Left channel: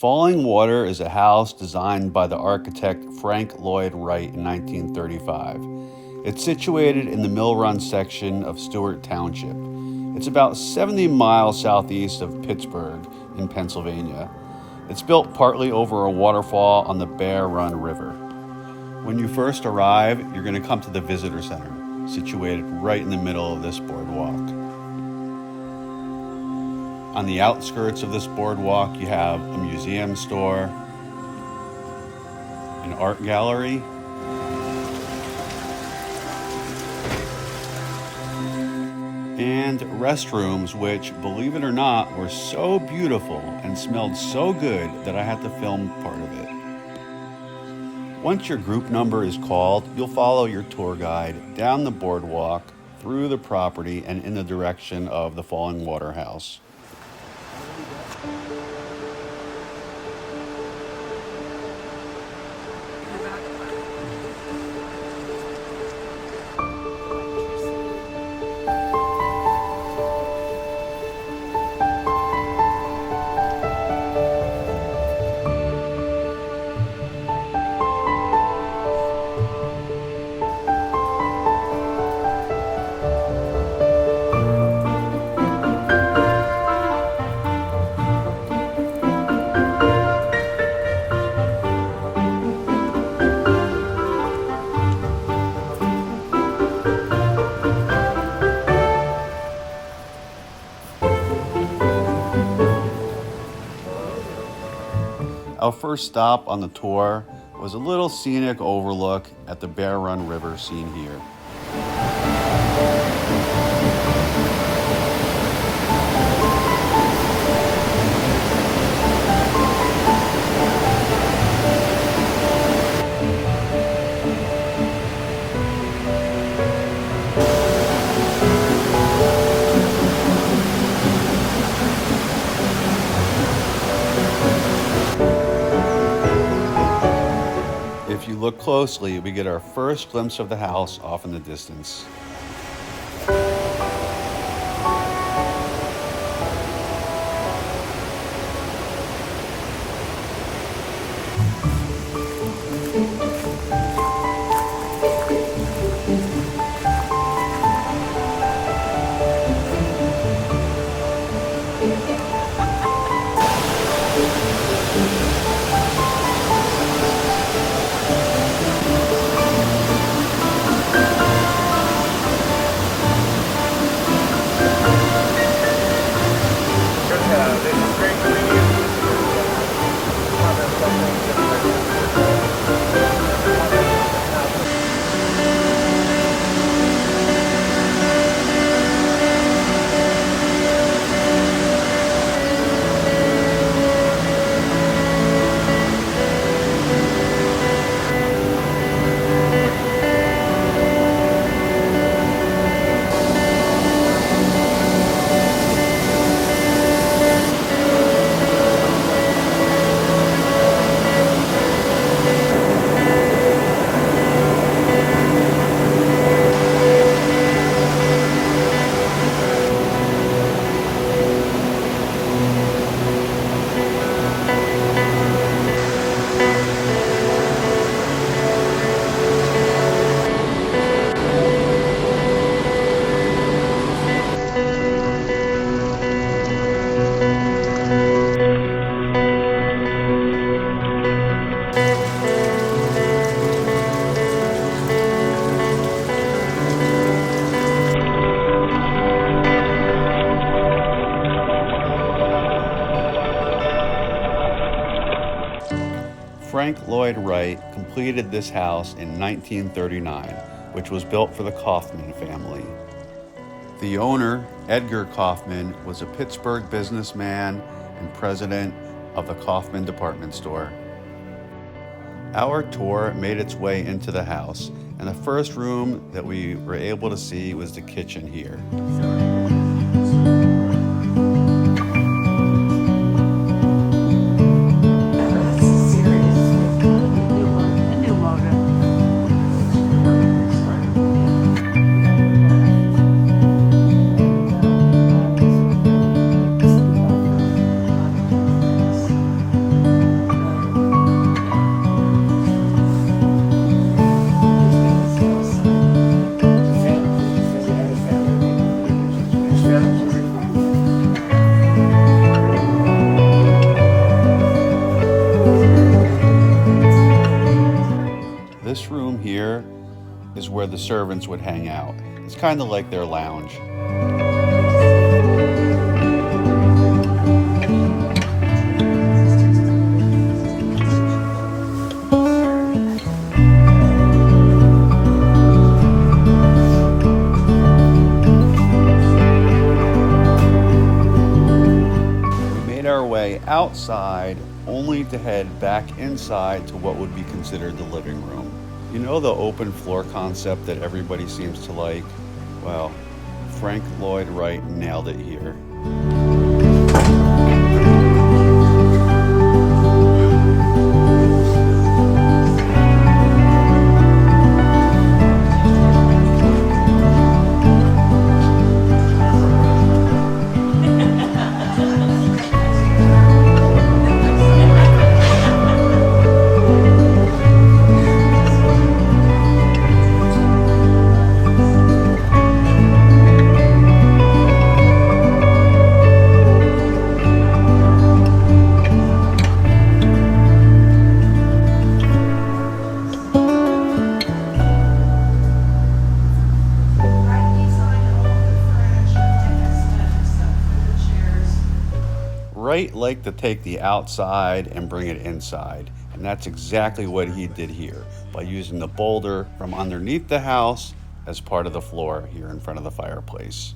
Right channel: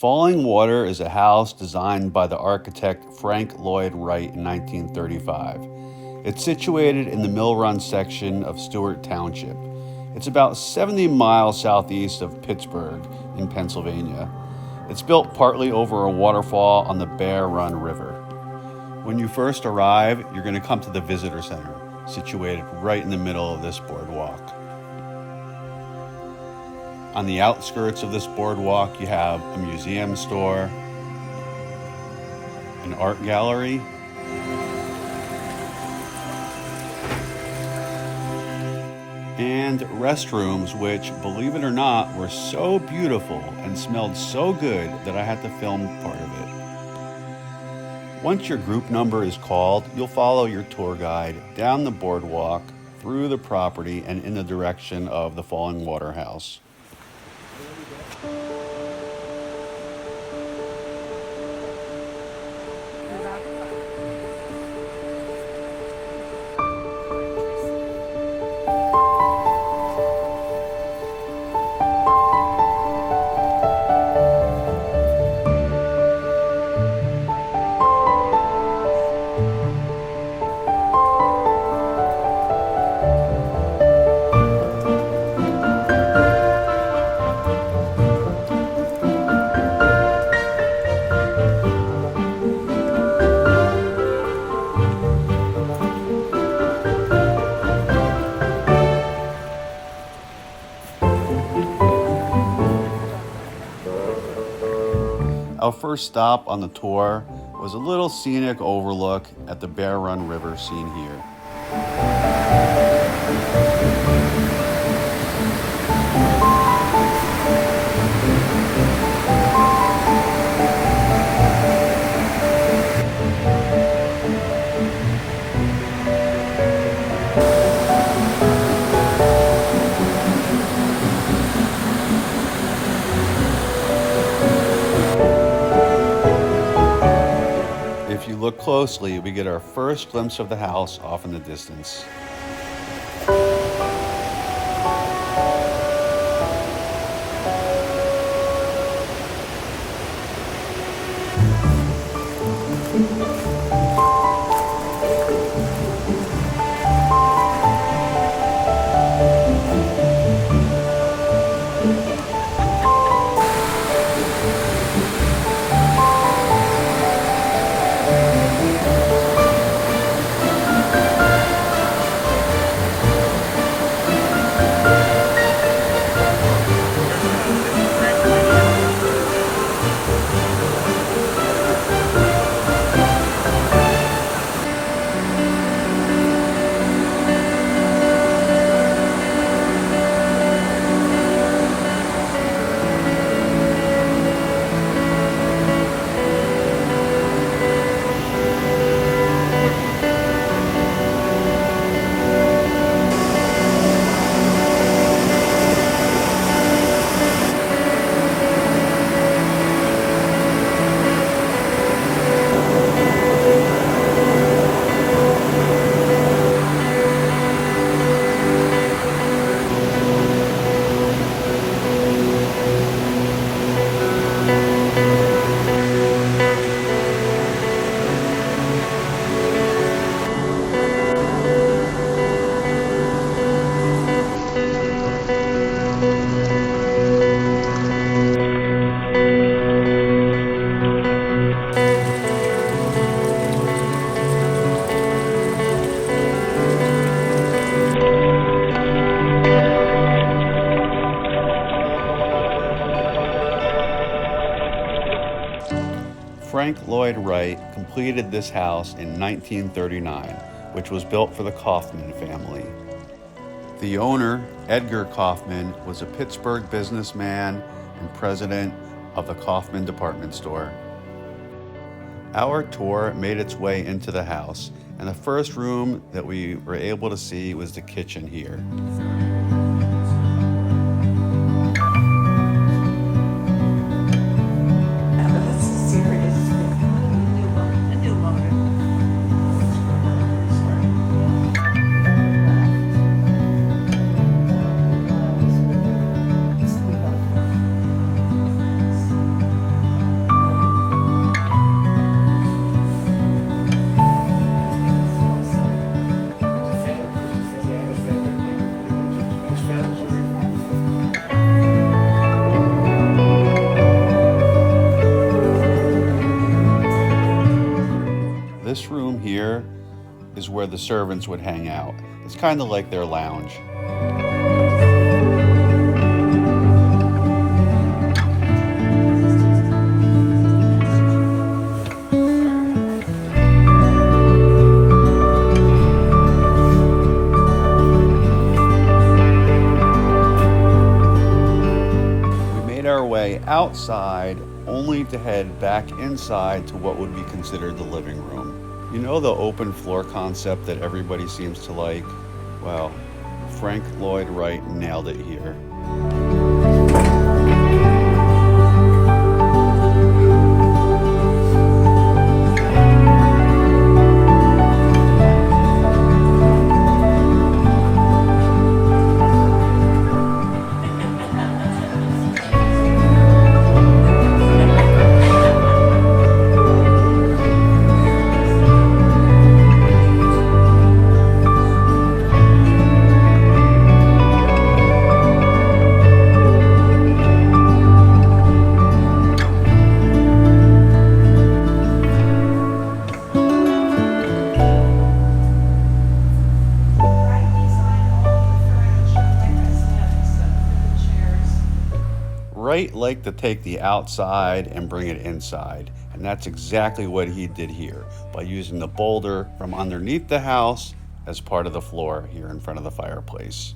Fallingwater is a house designed by the architect Frank Lloyd Wright in 1935. It's situated in the Mill Run section of Stewart Township. It's about 70 miles southeast of Pittsburg in Pennsylvania. It's built partly over a waterfall on the Bear Run River. When you first arrive, you're going to come to the visitor center, situated right in the middle of this boardwalk. On the outskirts of this boardwalk, you have a museum store, an art gallery, and restrooms, which, believe it or not, were so beautiful and smelled so good that I had to film part of it. Once your group number is called, you'll follow your tour guide down the boardwalk, through the property, and in the direction of the Fallingwater house. Our first stop on the tour was a little scenic overlook at the Bear Run River seen here. If you look closely, we get our first glimpse of the house off in the distance. Frank Lloyd Wright completed this house in 1939, which was built for the Kaufman family. The owner, Edgar Kaufman, was a Pittsburgh businessman and president of the Kaufman department store. Our tour made its way into the house, and the first room that we were able to see was the kitchen here. is where the servants would hang out. It's kind of like their lounge. Our way outside only to head back inside to what would be considered the living room. You know the open floor concept that everybody seems to like? Well, Frank Lloyd Wright nailed it here. Wright liked to take the outside and bring it inside, and that's exactly what he did here by using the boulder from underneath the house as part of the floor here in front of the fireplace.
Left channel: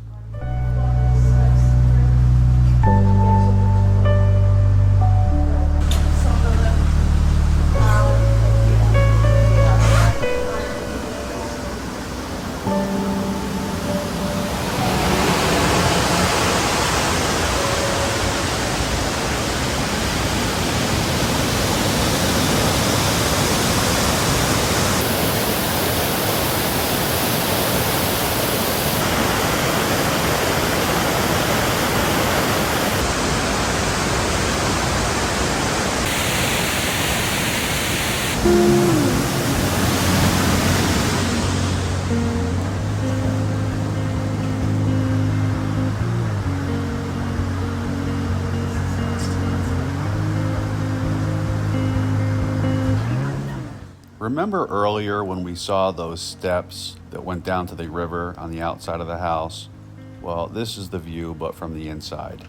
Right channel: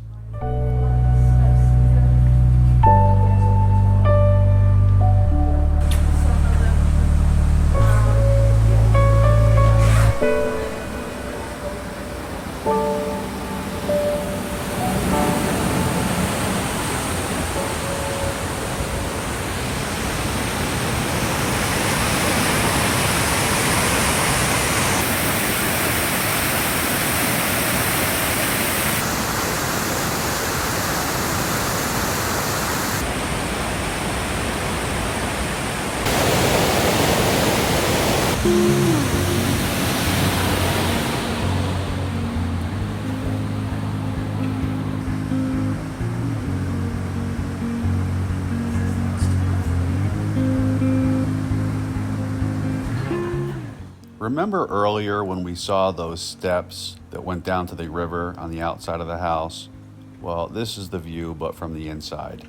Remember earlier when we saw those steps that went down to the river on the outside of the house? Well, this is the view, but from the inside.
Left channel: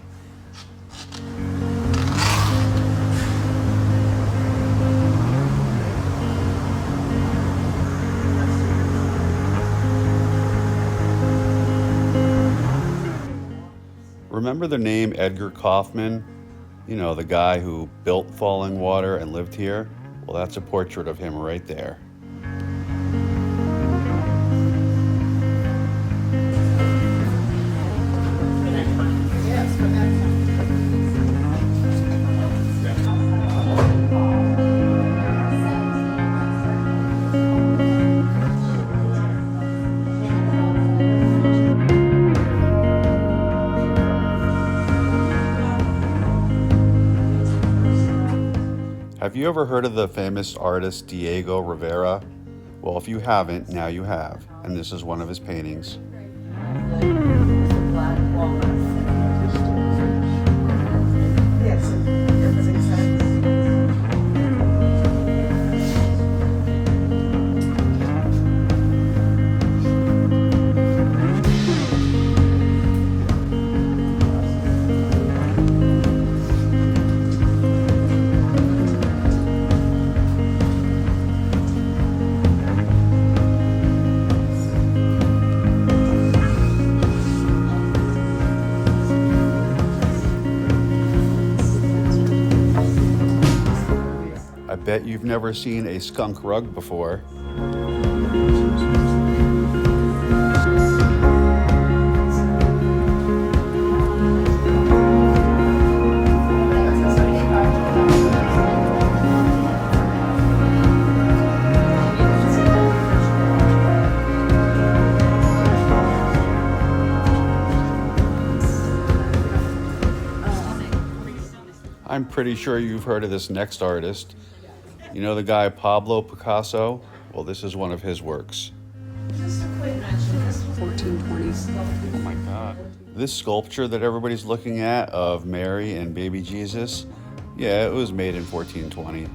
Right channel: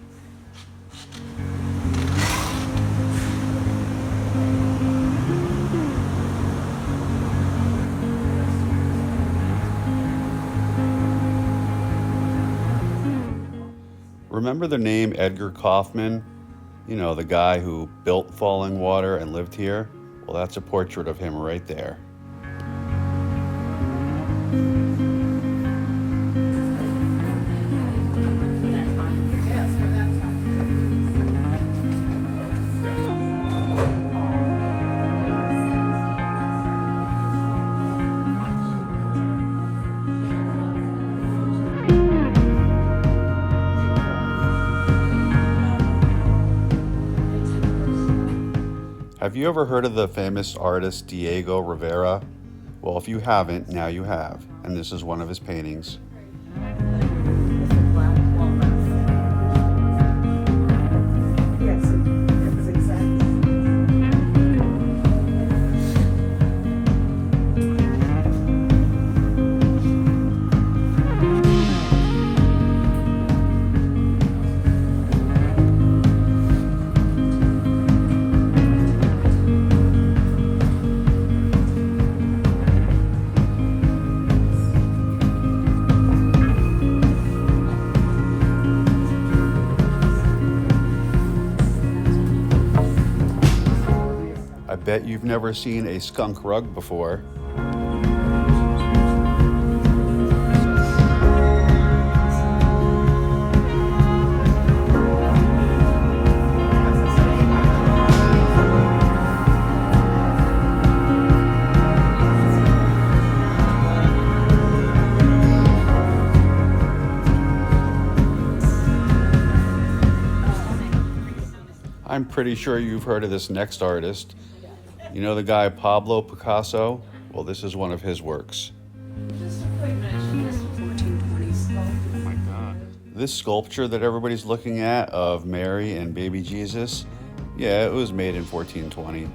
Remember the name Edgar Kaufman? You know, the guy who built Fallingwater and lived here? Well, that's a portrait of him right there. Have you ever heard of the famous artist Diego Rivera? Well, if you haven't, now you have, and this is one of his paintings. I bet you've never seen a skunk rug before. I'm pretty sure you've heard of this next artist. You know the guy Pablo Picasso? Well, this is one of his works. Just a quick mention, this was 1420s. Oh my God. This sculpture that everybody's looking at of Mary and baby Jesus, yeah, it was made in 1420.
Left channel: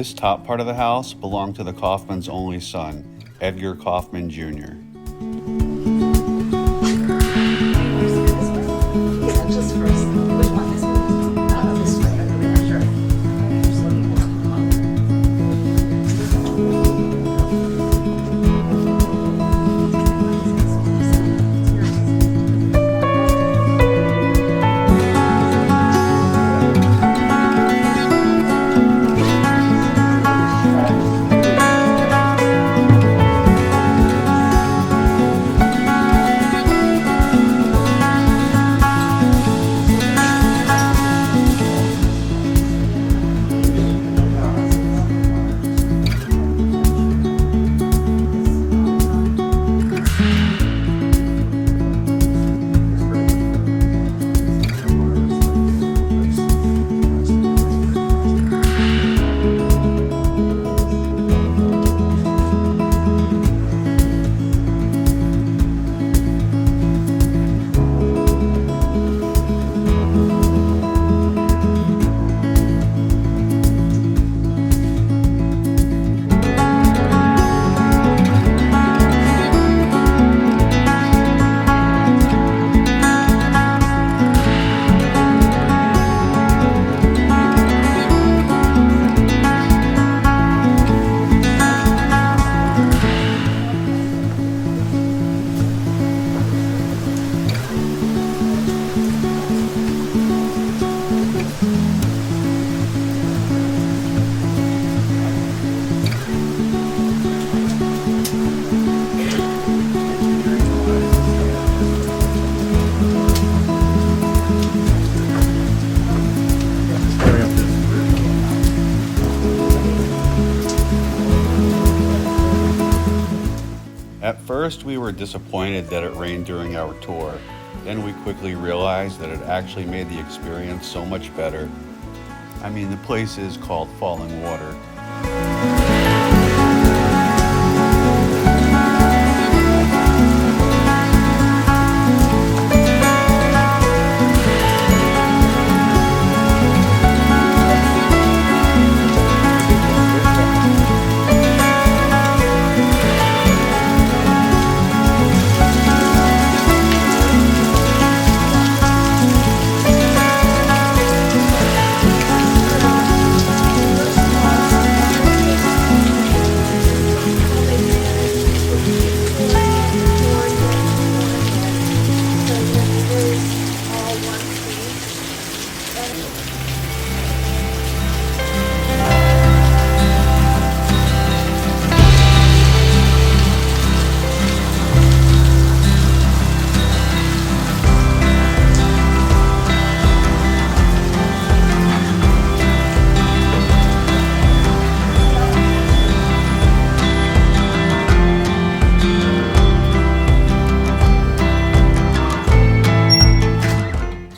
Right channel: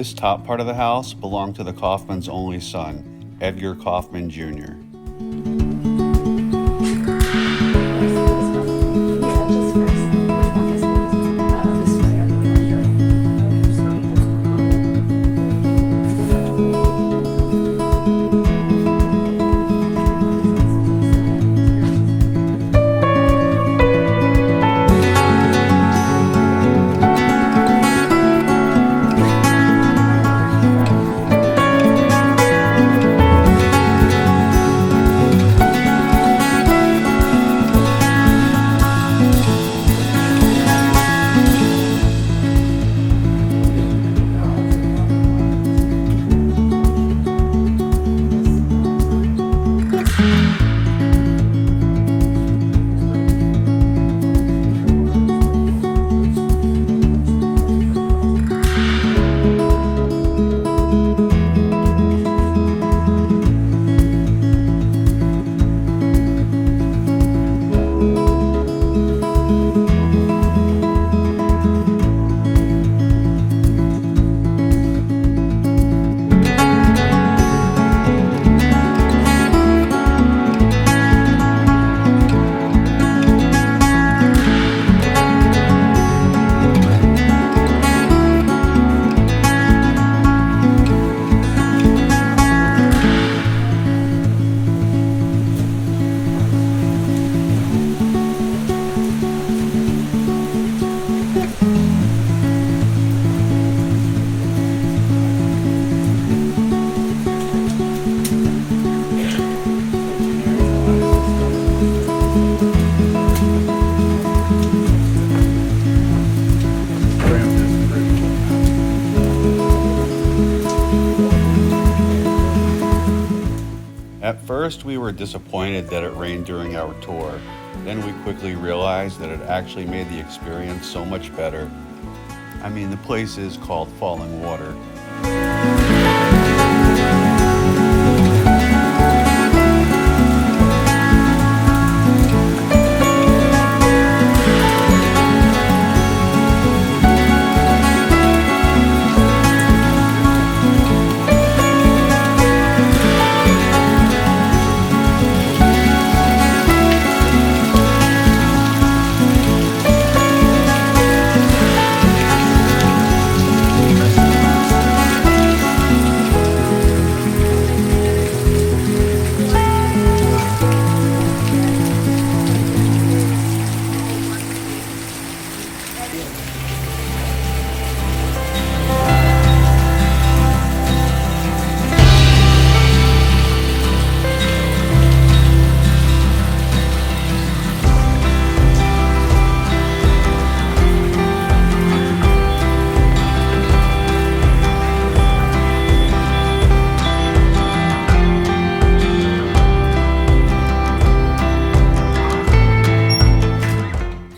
This top part of the house belonged to the Kaufman's only son, Edgar Kaufman Jr. At first, we were disappointed that it rained during our tour. Then we quickly realized that it actually made the experience so much better. I mean, the place is called Fallingwater.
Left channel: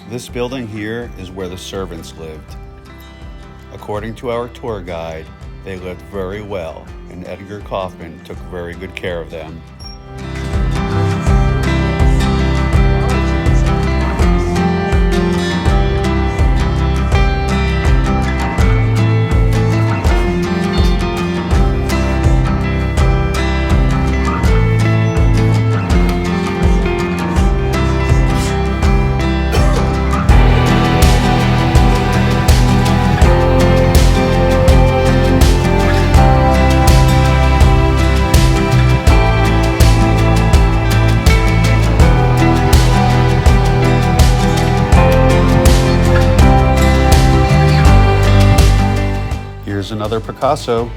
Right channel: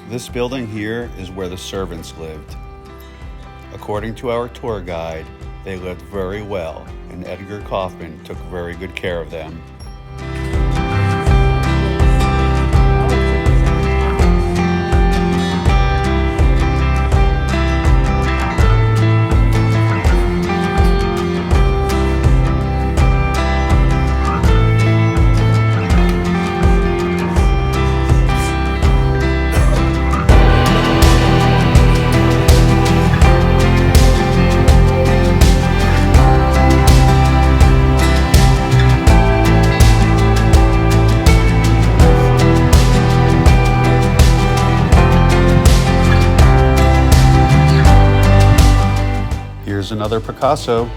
This building here is where the servants lived. According to our tour guide, they lived very well, and Edgar Kaufman took very good care of them. Here's another Picasso.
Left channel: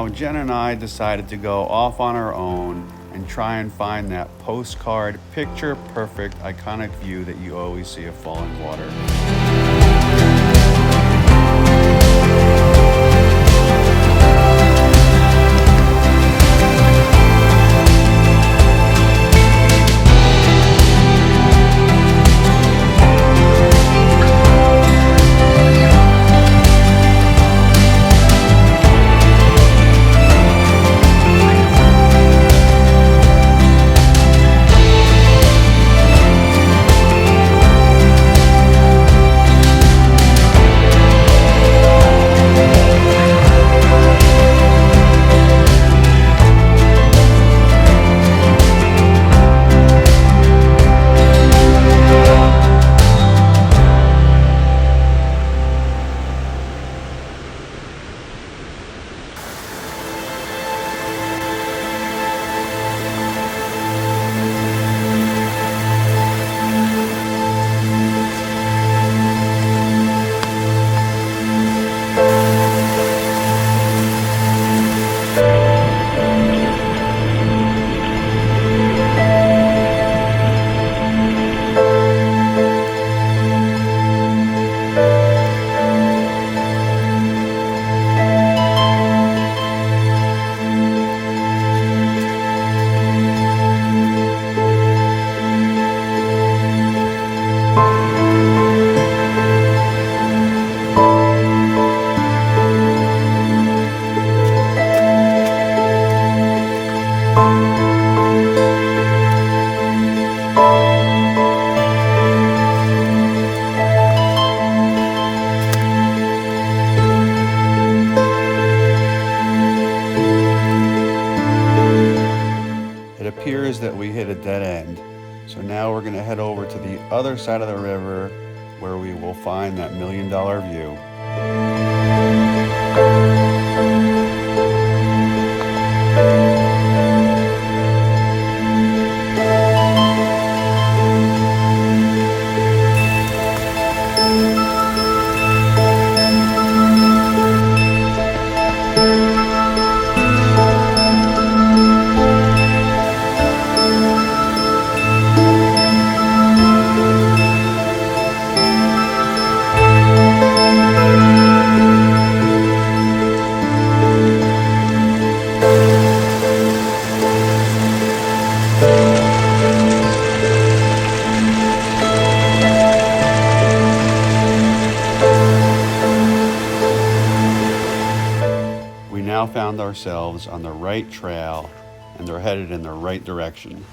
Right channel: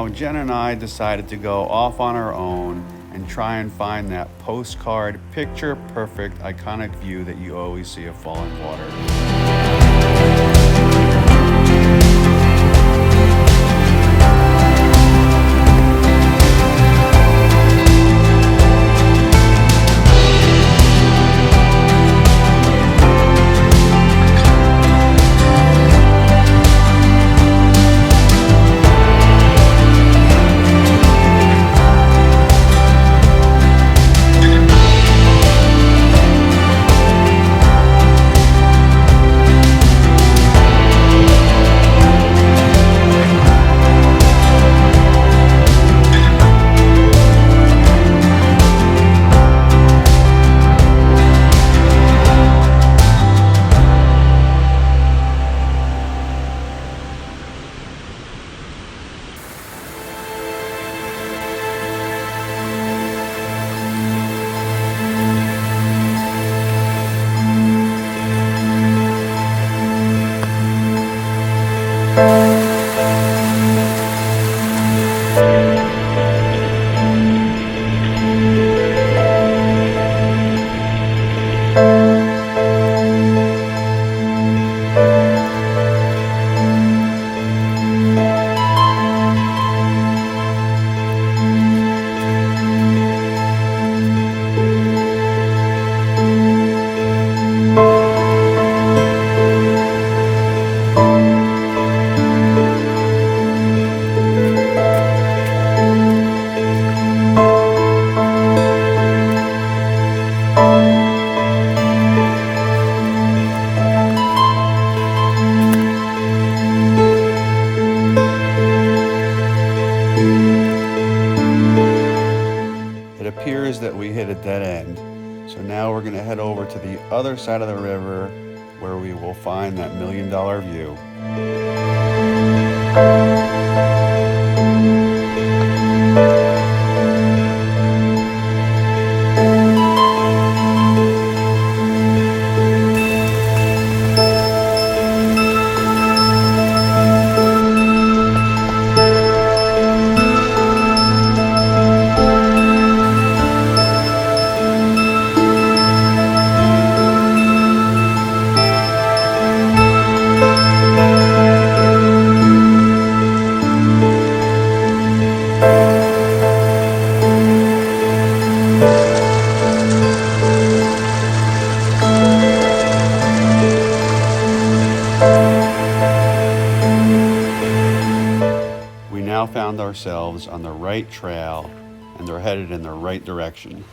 Now, Jen and I decided to go off on our own and try and find that postcard, picture-perfect, iconic view that you always see of Fallingwater. It appears that we hit a dead end, so now we're going to head over to the other side of the river where we will find that $1 million view. We now found ourselves on the right trail and are headed in the right direction.